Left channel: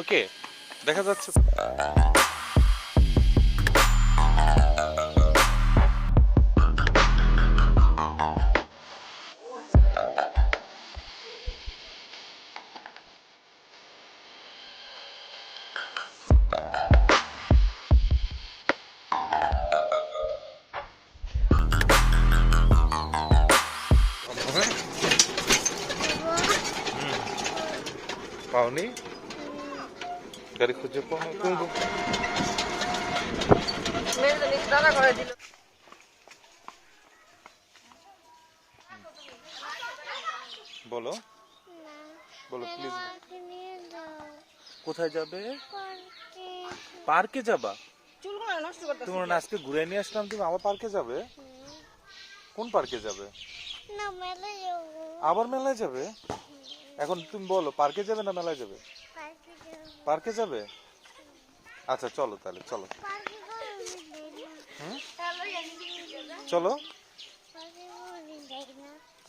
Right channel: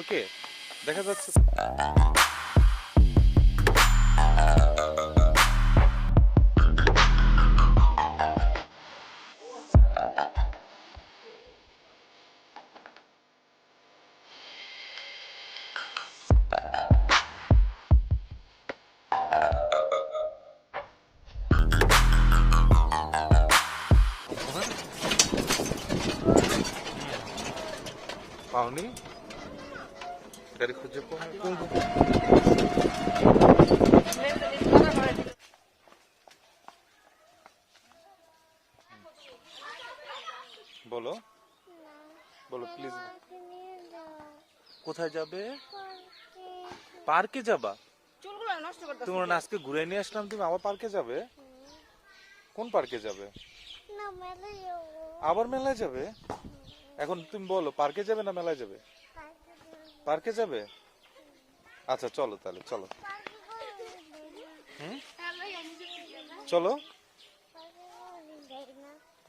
ওকে, দেখা যাচ্ছে। পাওনি? গাড়ি খুঁজে পাও বলো, বলো প্লিজ। কোথায় যাবে? পার্কে যাবা? তোমার আজকে ঘুরে নিয়ে আসলাম, তুমি আবার পার্কে যাবে? কোন পার্কে যাবে? আবার মেলায় যাবে? এখন তুমি বলো, পার্কে যাবে না মেলায় যাবে? পার্কে যাবে। আচ্ছা চলো তাহলে, চলো। চলো,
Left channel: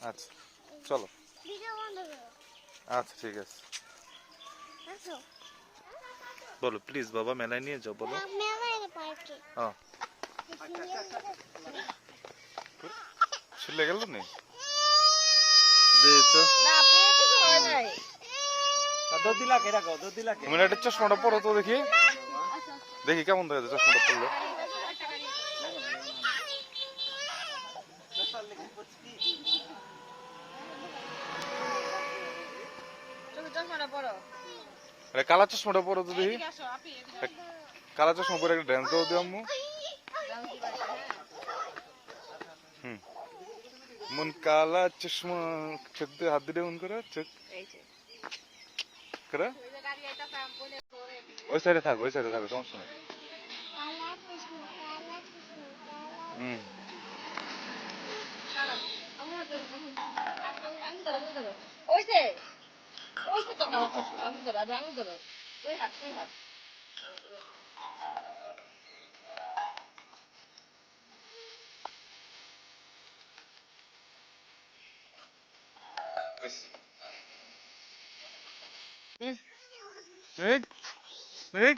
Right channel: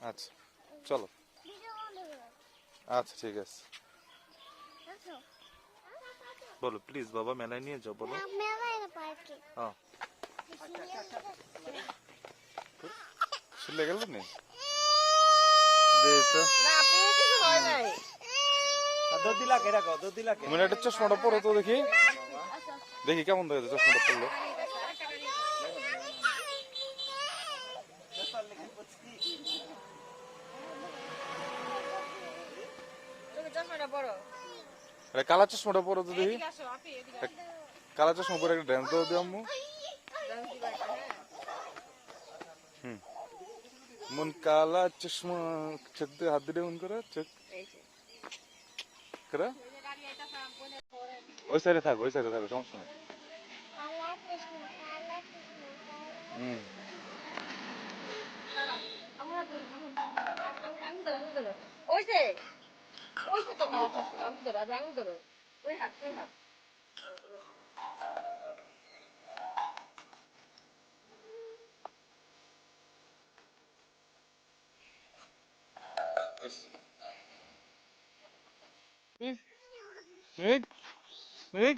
আচ্ছা চলো। আচ্ছা ঠিক আছে, বলো প্লিজ বাবা, মেলায় নিয়ে যাও, বলো। চলে গেল নি তো চশমাটা পরো তো, দেখি দেখি কেমন দেখা যায় চশমাটা পরলে। কালা চশমাটা পরো তো দেখি, কালা চশমা পরে একটা ড্যান্স দেবো দিয়ে আম্মু। মন কালা চশমা, চোখ দিয়ে হাত দিয়ে মন করে, চোখ করে ওই সাইডে থাকো, ওই সাইডে থাকো, সমস্যা নেই। এই এই